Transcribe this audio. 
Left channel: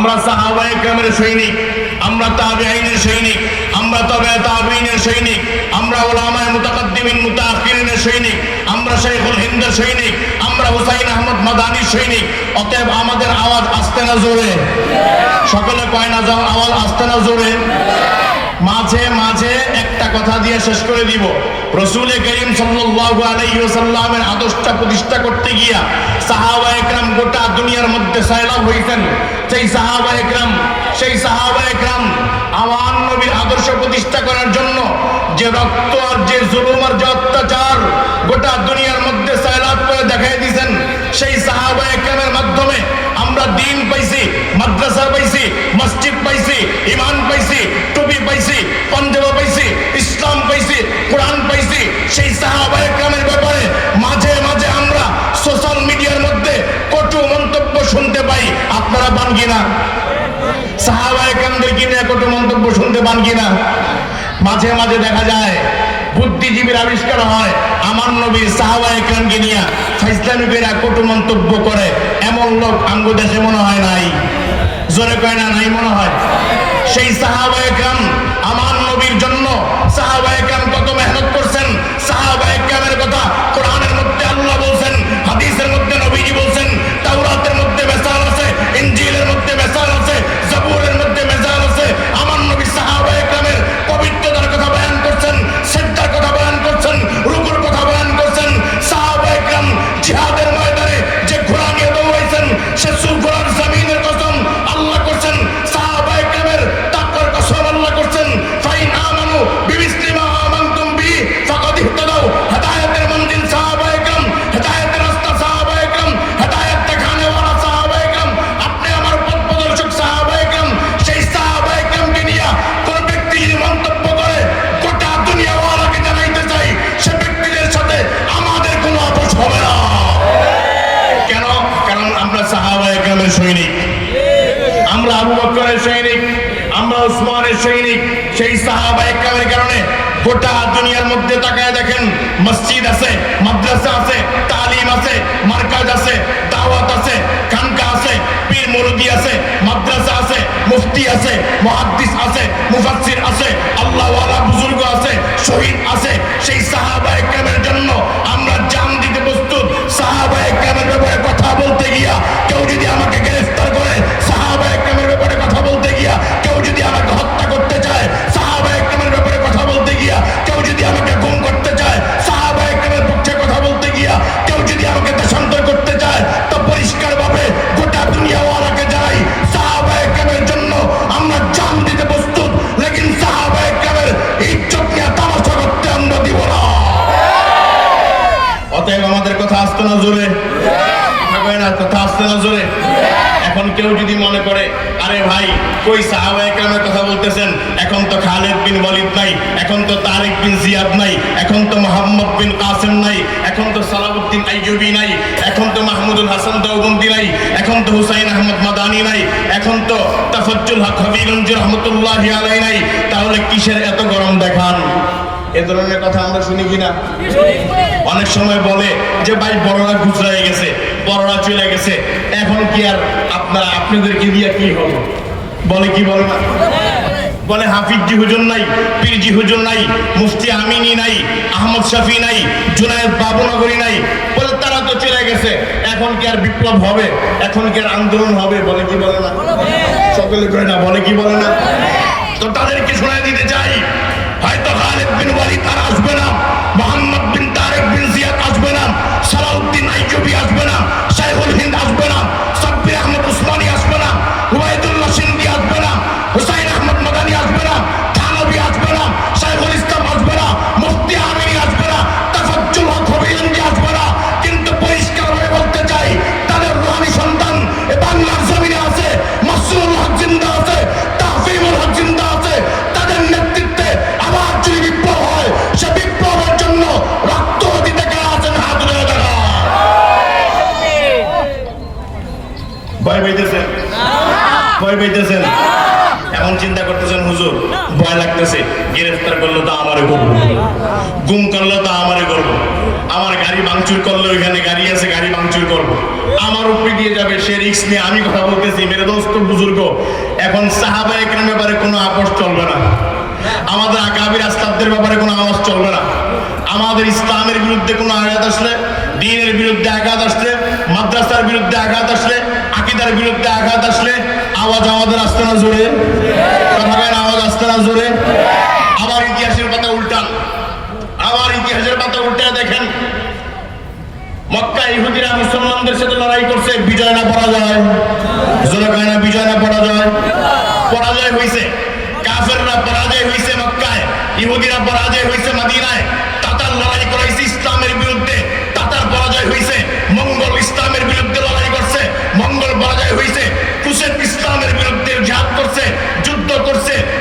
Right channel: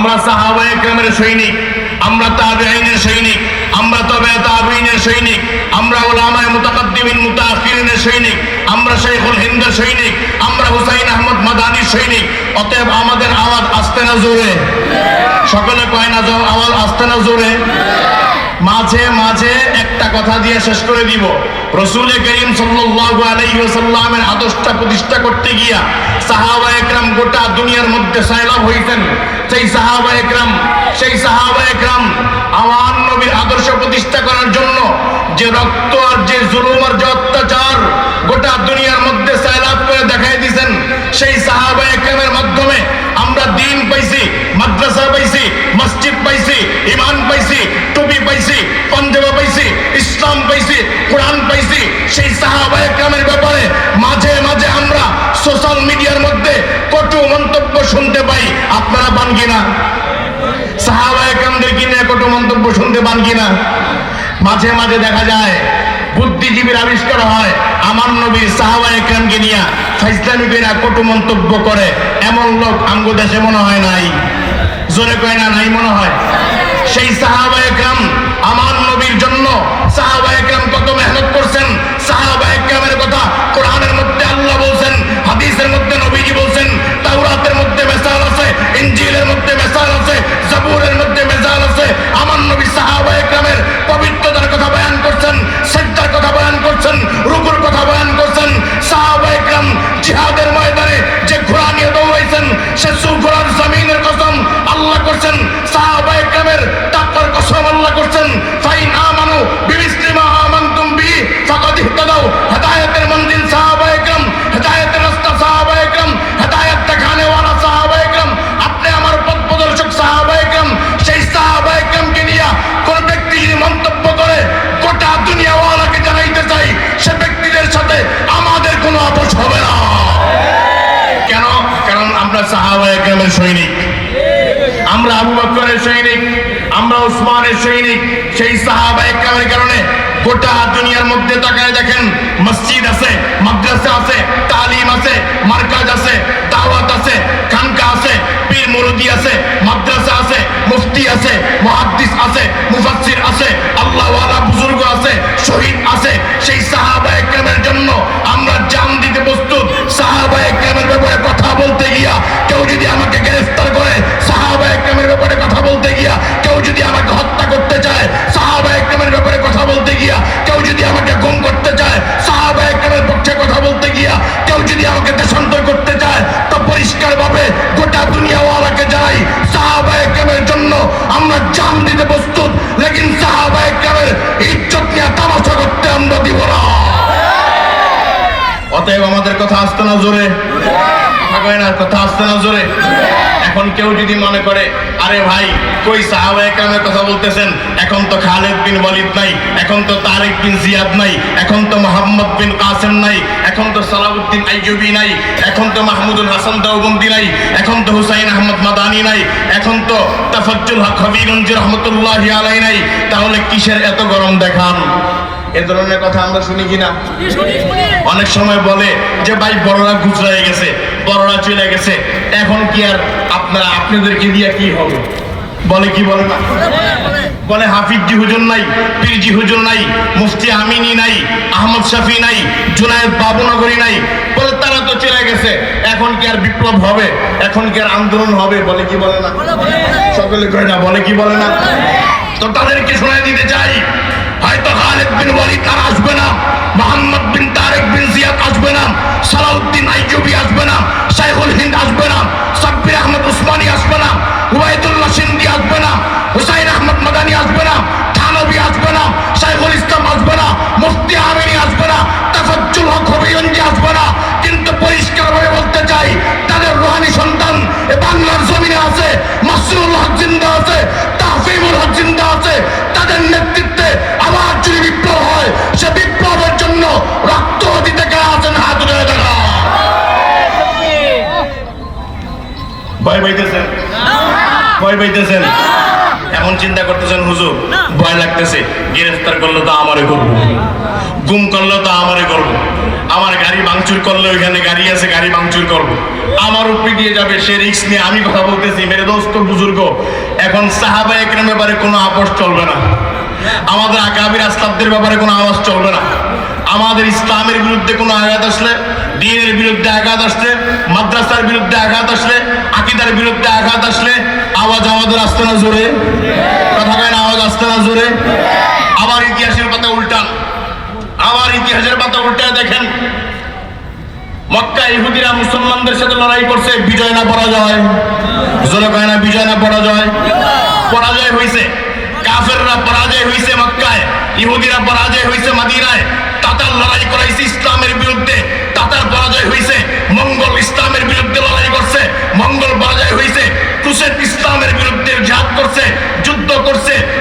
আমরা সাহাবায় কেরামের সৈনিক, আমরা তাবে আইনের সৈনিক, আমরা তবে তাবিনের সৈনিক, আমরা ওলামায় মুতাকাদ্দিমিন মুতাআখিরিনের সৈনিক, আমরা শেখুল হিন্দের সৈনিক, আমরা হুসাইন আহমদ মাদানির সৈনিক। অতএব আমাদের আওয়াজ আসতে না জোরে। সকলে কয় না যাও আওয়াজ আসতে না জোরে? মাঝে মাঝে একটা কথা দিয়ে শেষ করে দিব। রসুল করিম সাল্লু আদর্শটা প্রতিষ্ঠা করতে গিয়া সাহাবা একরাম গোটা দুনিয়ার মধ্যে সয়লাভ হইতেন সেই সাহাবা একরাম, সেই সাহাবা একরাম আমার নবীর আদর্শ প্রতিষ্ঠা করার জন্য যে রক্ত আর যে জুলুম আর যে শুনতে পাই, আপনারা পান কিনা? সাহাবা একরামদের কিনে কত মন্তব্য শুনতে পান কিনা? মাঝে মাঝে দেখা যায়, বুদ্ধিজীবীর আবিষ্কার হয়, আমার নবী সাহাবা একরামকে নিয়ে ফাইসলামিকেরা কত মন্তব্য করে, এমন লোক আঙ্গ দেশে মনে হয় নাই। জোরে কয় না, নাই মনে হয়? সেই সাহাবা সৈনিক সেই সাহাবা কারণে গোটা দুনিয়ার মধ্যে তাকায় দেখেন মসজিদ আছে, মাদ্রাসা আছে, তালিম আছে, মার্কাজ আছে, দাওয়াত আছে, খানকা আছে, পীর মুরগি আছে, মাদ্রাসা আছে, মুফতি আছে, মুহাদ্দিস আছে, মুফাসসির আছে, আল্লাহওয়ালা বুজুর্গ আছে, শহীদ আছে। সেই সাহাবা একরামের জন্য আমরা জান দিতে প্রস্তুত। সাহাবা একরামের অতএব আমাদের কথা আসতে না জোরে। কথা আসতে না জোরে। এখন কেউ যদি মনে করে, আরে ভাই, কই সাহাবা কথা বলতেছেন? এখন তো খালেদ বিন ওয়ালিদ নাই, এখন তো তারেক বিন জিয়াদ নাই, এখন তো মোহাম্মদ বিন কাসেম নাই, এখন তো সালাউদ্দিন আইয়ুবি নাই, এখন তো মাহমুদুল হাসান দেওবন্দি নাই, এখন তো হুসাইন আহমদ মাদানি নাই, এখন তো তাফাজ্জুল হক হবিগঞ্জি রহমতুল্লাহ আলাই নাই, তাহলে কিসের এত গরম দেখান? এ ধরনের কথা আমরা শুনি কিনা? অনেক সময় বলে যে ভাই বড়রা গুজরাই গেছে বড়রা চলে গেছে। এখন কি আর আপনারা আপনাদেরকে দিয়ে কি হবে? বলে কি বলে না? বলে হাফিজি হুজুর নাই পীরজি হুজুর নাই মুফতি আমিনী নাই আহমদ শফি নাই জুনায়েদ বাবুনগরী নাই। বলে তারা তো চলে গেছে এখন কি আর বিপ্লব হবে? এখন কি আর আন্দোলন হবে? বলে কি বলে না? সকলে করে না বলে কি বলে না? তো তাদেরকে শোনায় দিতে বিন ওয়ালিদ আর আসবে না, মোহাম্মদ বিন তারেক বিন জিয়াদ আসবে না, সালাউদ্দিন আইয়ুবি আসবে না সাইফুল হিন্দ আসবে না পাইতেছেন? এখন চিন্তা করতেছেন, হুজুর, ভয় লাগতেছে। গ্রেফতার করল তো আমারে করব। গুম করল তো আমারে করব। আমার গাড়ি ভাঙচুর করল ওইখানে গাড়ি আছে, গাড়ি ভাঙচুর করব। আমার উপরে দিয়ে যাবে, সে রিক্স নিয়ে আমি কথা বলতেছি। মেরে দোস্ত, বুজুর্গ, এখন সাহাবা একরাম ব্যাপারে কোনো আপোষ চলবে না। আমাদের আকাবির আস্তাবদের ব্যাপারে কোনো আওয়াজ চলবে না। আমাদের ইসলামের বিরুদ্ধে কোনো আঘাত আসলে, দিনের বিরুদ্ধে আঘাত আসলে, মাদ্রাসার বিরুদ্ধে আঘাত আসলে, আকিদার বিরুদ্ধে আঘাত আসলে আওয়াজ আমাদের আসতে না জোরে? কথা বলেন আওয়াজ আসতে না জোরে? আবার ইতিহাসের পাতা উল্টান। আবার ইতিহাসের পাতা উল্টে দেখেন। মক্কা ইহুদিরা মুসলমানদের সাথে লড়াই করছে, বিজয় না পরাজয়? জনকায় না বিজয় না পরাজয়? পরাজয় হয়েছে কাফেররা পরাজয় হয়েছে মক্কায়। ইহুদিরা পরাজয় হয়েছে মাদিনায়। তাতার লড়াই করাইছে ইসলামের বিরুদ্ধে। তাতার পরাজয় হয়েছে করছে